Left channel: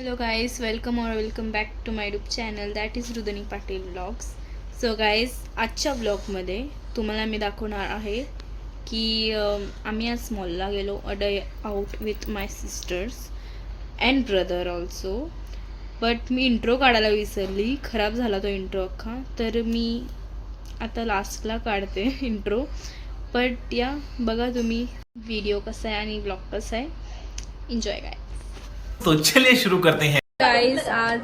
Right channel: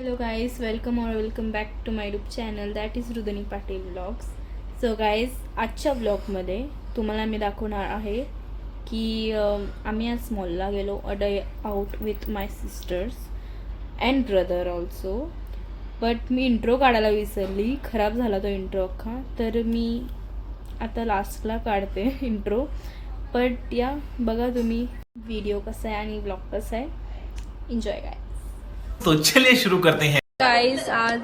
Hello guys, welcome back to my YouTube channel that is Rudani Patil vlogs. So guys आजच्या व्लॉगमध्ये तुम्हाला मी दाखवणार आहे की आम्ही आज मॉलला गेलो a day out with my sister's and brother also. But me intro काढायला विसरली, खराब झाला तो इंट्रो अख्खा, तर मी आता लास्टला काढते इंट्रो. बट या बघा तुम्ही व्हिडिओ कसा आहे आणि व्लॉग कसा आहे, एन्जॉय गाय. तो चलिए शुरू करते हैं. गाईज आज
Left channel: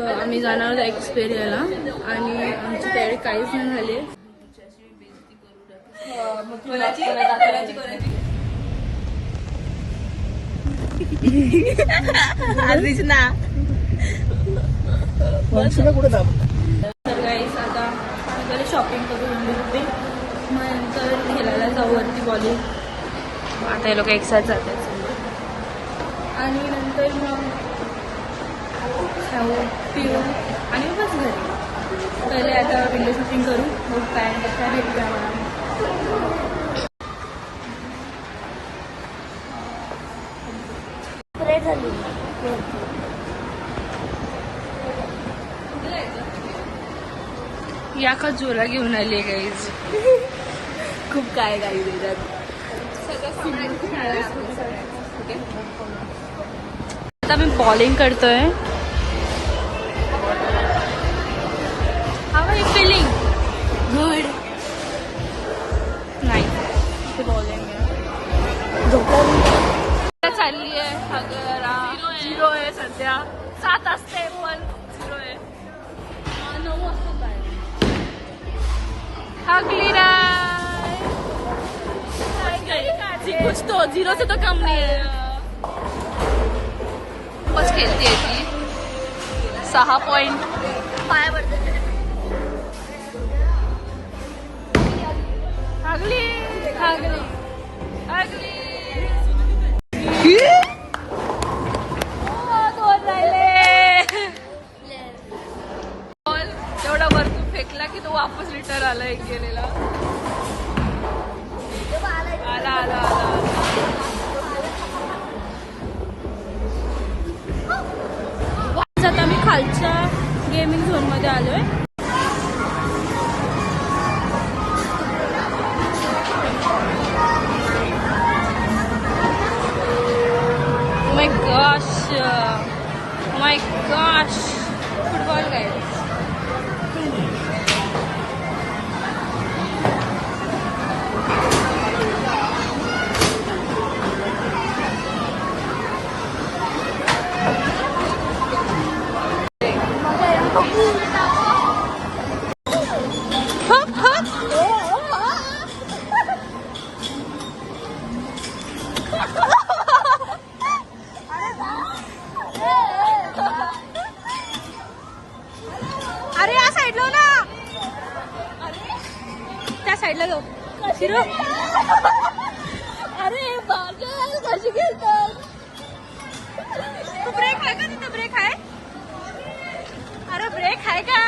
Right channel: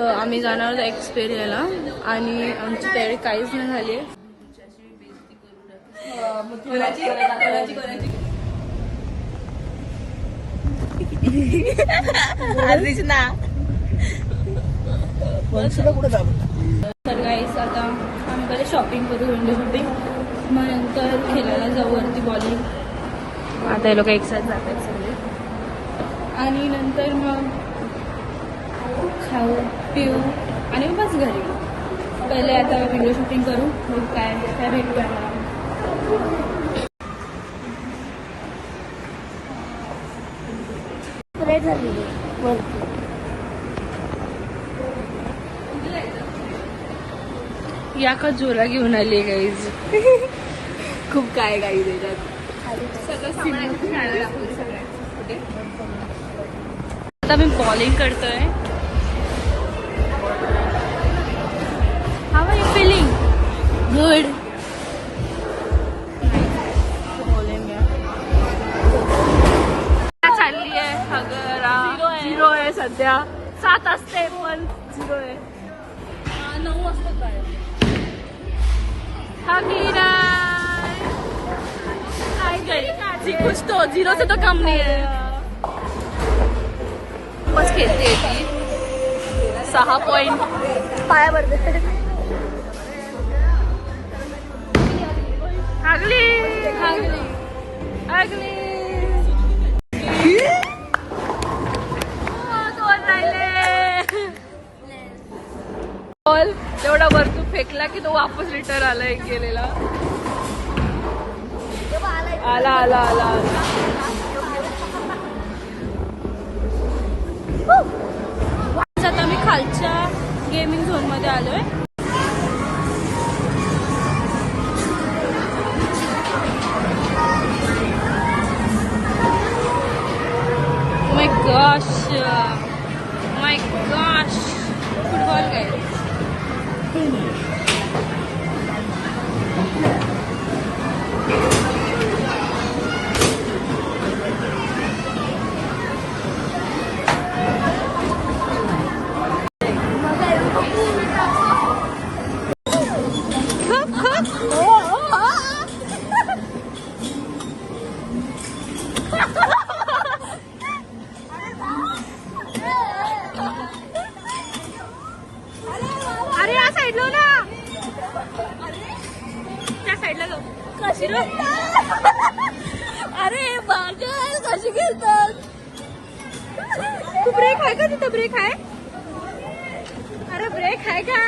आम्ही जाणार होतो एक्सपेरियला आणि आमची तयारी काहीच नाही झाली. तर गाईज आता आम्ही पहिले शॉपिंग करू, विंडो शॉपिंग, मग नंतर खेळायला जाऊ वरती बॉलिंग. आता हे लोक एक साथ जातात सगळे आणि नंतर मग खाऊ पिऊ आणि मग बस घरी. पहिले आता विंडो शॉपिंग करू, मग काय काय भेटू आम्हाला. या का जोरा घेऊन आली गाईज. खूप काय गाई देतात. आता मी बॉलिंग करतोय. How are you feeling? Good. नाही बॉलिंग चालली आहे. हगरा 0 आहे सध्या. 7 असते पण 0 आहे. हगली नाही कुछ तो 0 से तो कम नहीं है. बस खेळते ती 6 पॉइंट पायावर. हागली हागली हागली. दोन राहिले. बॉल तेवढा वरतून फेकला की तो वापस रिटर्न आला एक गेलेला. आला आला आला आला. आता मी खालच्या गेमिंग झोन मध्ये आलोय. माय गॉश फुटबॉल काय. अरे या साईडला ना, त्या साईडला जाऊ. अरे कशी घेतात. तू ब्रेक आहे का? तिथं ब्रेक आहे. अरे ब्रेक आहे का?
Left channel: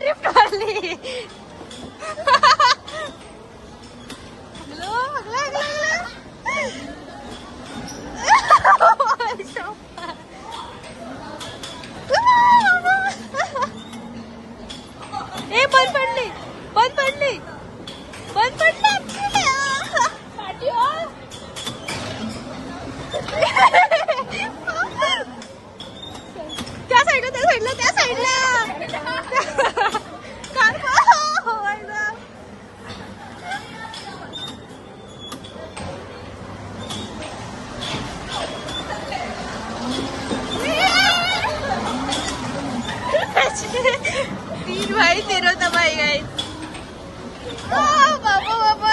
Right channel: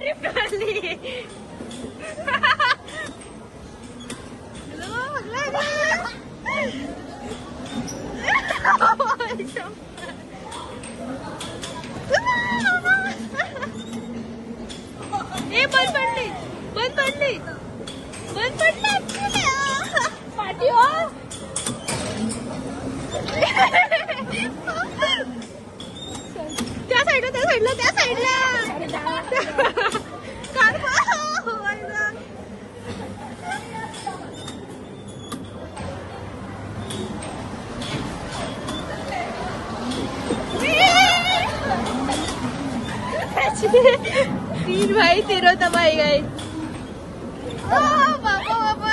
ड्रिफ्ट मारली. ए बंद पडली बंद पडली बंद पडली. त्या साईडला त्या साईडला त्या साईडला कार. तीन भाई तेरो तबाही गए. बाबा बाबा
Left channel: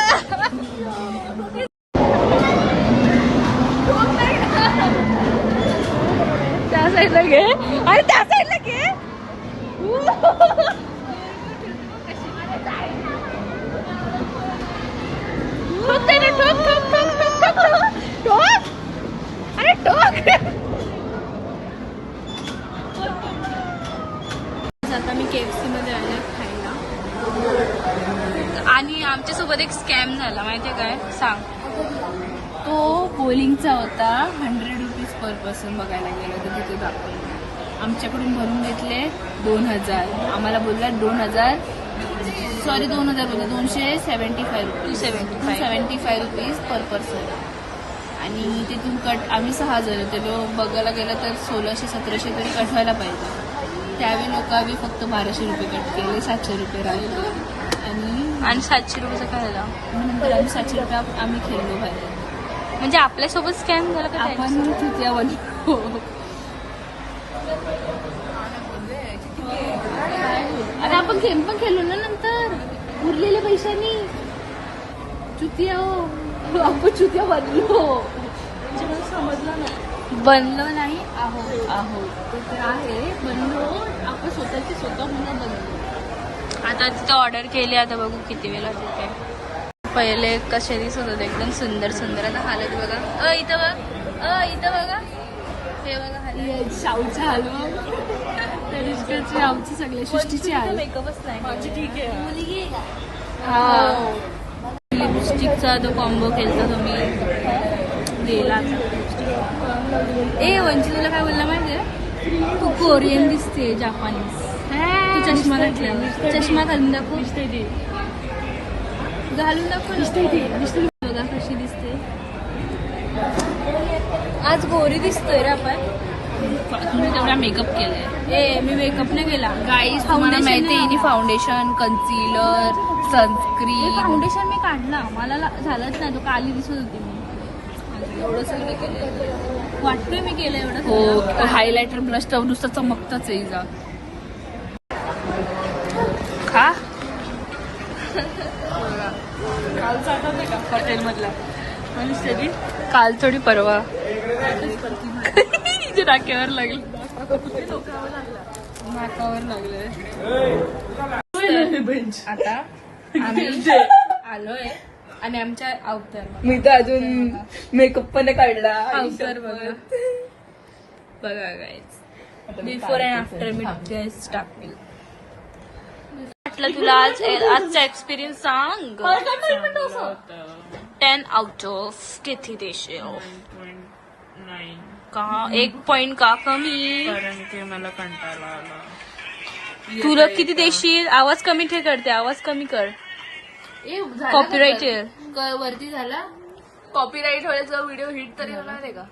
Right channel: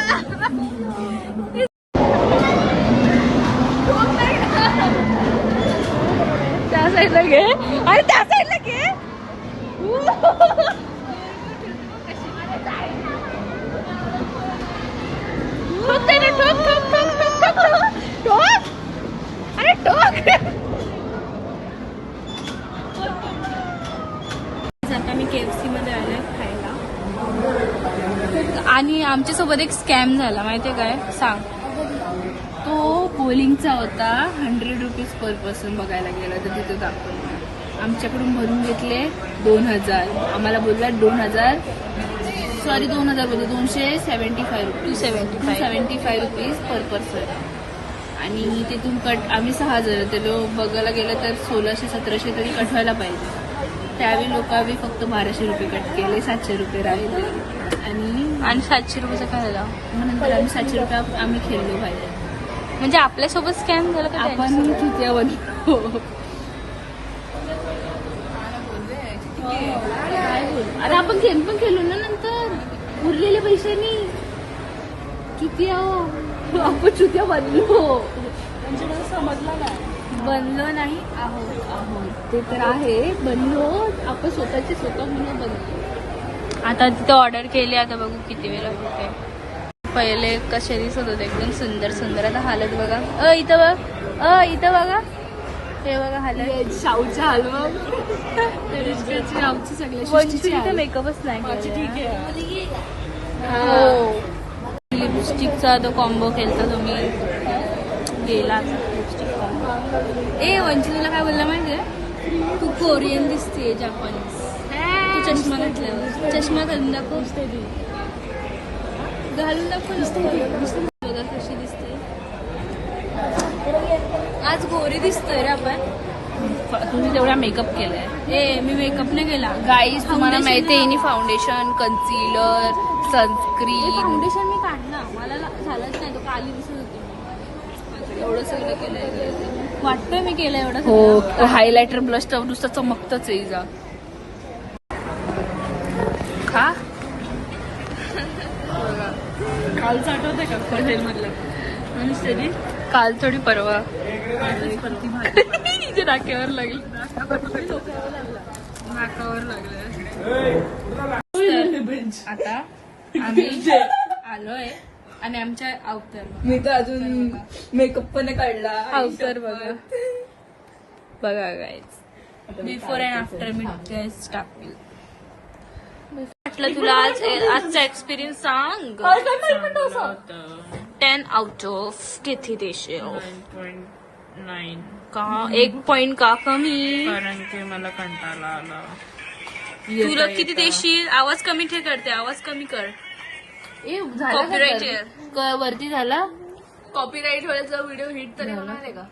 त्या साईडला घे. अरे त्या साईडला घे. ठोक ठोक ठोक ठोक ठोक ठोक. अरे ठोक. आता मी KFC मध्ये आले खायला आणि आमच्यासोबत एक स्कॅम झाला. माहितीये काय सांग. तो बोलिंगचा होता 100 रुपीज पर पर्सन बघायला गेला तर तिथं दाखवलं. आमच्याकडून भरून घेतले 2000. आम्हाला बोलला 2000 सॉरी 2000 बोलले 275 रुपीज 75 रुपीज पर पर्सन. आणि तिथून कट आम्ही 6000 होते. बघायला गेलं तर 1600-1700 तरी कट व्हायला पाहिजे. त्यावेळी लोकांनी फक्त 1200 रुपये कट केले, 700 रुपये राहिले. आणि 700 रुपये काय झाला नंतर आम्ही 700 रुपये आम्ही खेळलो पाहिजे. म्हणजे आपल्यासोबत स्कॅम झाला का? आपण चुक्या बनलो. अरे आपण गेम पण खेळलो ना नंतर उरलेल्या पैशांनी. चुतिया आपण चुतिया बनलो नाही आहोत ते तर आहे. बनलो आपण स्वतःची स्वतः म्हणून बनलो. आता तिथे ऑर्डर केली. आता बघू किती वेळा तिथे. पहिले कसे दिसत होते एकदम सुंदर सुंदर. आता हालत बघा. इथं बघा इथं बघा हालत. शाहूच्या हलवा आमची सगळ्या मेकअपच नाही. ठीक आहे. लिपस्टिकचा तो कॉम्बो केला तुम्ही दिला. वंची तुला काय बोलला माहितीये? तू कोरियन दिसते जापानीज. चष्मा घातला. चष्मा घालून दाखव. घालून दाखव. कशी दिसते आज? गोरी दिसतोय रे आपण. तुम्ही तेवढा मेकअप केलाय. मी मेकअप नाही केला गाईस. तुम्हाला माहिती आहे फाउंडेशन, कन्सिलर, सनस्क्रीन. फाउंडेशन मी काढला. मला झालंच नाही. तो काली दिसत होती. एवढं सगळं केलंय वाटतंय मी केलं एवढं सगळं. हायलायटर ब्लश तर नुसतं चमकतच आहे. जा खा. कालचा आठवतंय का पटेल मधला? काल थोडी परवा नाक्यावर लागली. नाकावर लागले. आता आम्ही आलोय आणि आमच्या अवतार. मी तर अजून मेकअप पण काढला. अवतार बघा guys. Before and after me dress टाकली. म्हटलं तुला आजचा एक्सपिरियन्स सांग. 10 आउट ऑफ किती देशील? 9 का 1 पॉइंट का कमी? कारण की मला कंटाळा आला. तुला किती देशील? आवाज कमी ठे करते. आवाज कमी कर. कॉपीराईट वरती झाला. कॉपीराईट व्हायचा व्हिडिओ हिट तरी होणार आहे का?